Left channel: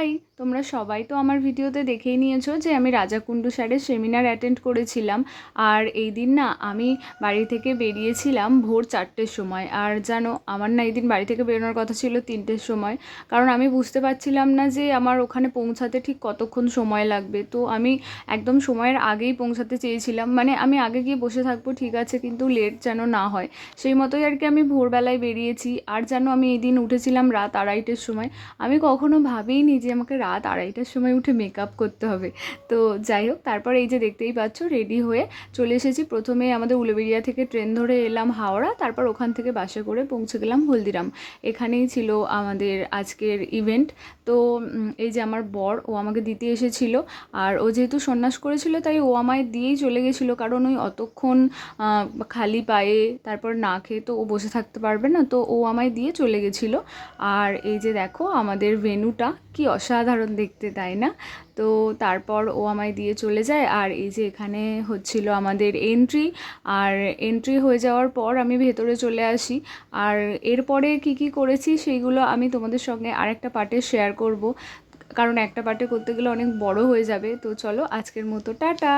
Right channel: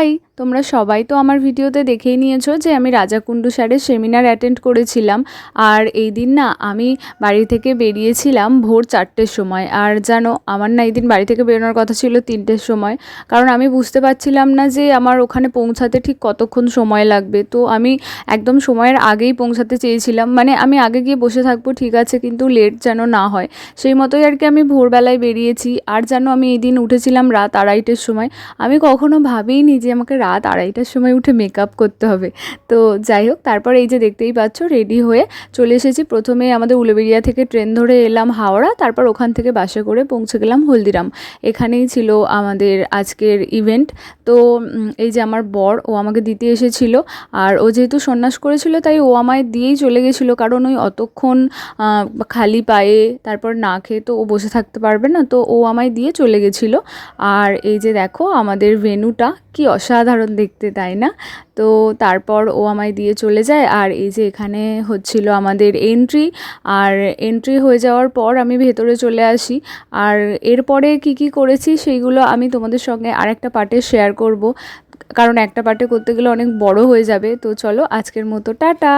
High, তোমরা সবাই তো আমার ভিডিওতে দেখেই নিয়েছো যে আমি রাজাকুণ্ডু স্যারের সেমিনার অ্যাটেন্ড করেছিলাম। আর এই দিন না আমি বাড়ি থেকে বেরিয়েছিলাম ভোর 4টের সময়। আর জানো, আমার না এই দিন বাড়ি থেকে বেরোনোর কথা ছিল 3টের সময়, কারণ আমি বুঝতে পারছিলাম না যে আমার ওখানে পৌঁছাতে ঠিক কতক্ষণ সময় লাগবে। তো আমি একদম সময়ের আগেই পৌঁছাতে চেয়েছিলাম, মানে আমি আগে গিয়ে বসে থাকবো ঠিক আছে, কিন্তু লেট যেন না হয় সেই মতোই আর কি আমি ভোরবেলায় বেরিয়েছি। আর জানো, আমি এই দিন উঠেছিলাম রাত 2:30-এর সময়। আমি কখনো ভাবিনি যে আমাকে রাত 2:30টার সময় উঠে মেকআপ করতে হবে। তো যাই হোক, তারপর এই যে দেখতেই পাচ্ছ রেডি হয়ে চলে এসেছি। প্রথমে আমাদের উলুবেড়িয়া থেকে ট্রেন ধরে এলাম হাওড়া, তারপর ওখান থেকে বাসে করে পৌঁছে গেলাম হলদিরাম। এখানেই ছিল আমাদের আজকের ইভেন্ট। তো এই যে আমার বর, ও আমাকে দিতে এসেছিল। আর ও যেহেতু সন্ন্যাস করেছিল তাই ও আমায় দিয়েই চলে গেছিলো, কারণ ওই অতক্ষণ খালি পায়ে তারপর না খেয়ে তো ও বসে থাকতে পারবে না, তো ও আমায় দিয়ে চলে গেছিলো। আর এই যে দেখো আমাদের ভেন্যুটা কি অসাধারণ দেখতে, তাই না? তো তারপর ও আমায় দিয়ে চলে যায়। আর এই যে এখানে হচ্ছিল আমাদের এন্ট্রি। আর এন্ট্রি হয়ে যাওয়ার পর আমি ভেতরে চলে আসি। আর এরপরে কি কি করেছি সেইগুলো আমি তোমাদের সঙ্গে আরেকটা পার্টে শেয়ার করব, কারণ একটা পার্টে করতে গেলে অনেক বড় হয়ে যাবে। তো চলো, আজকের মতো টাটা।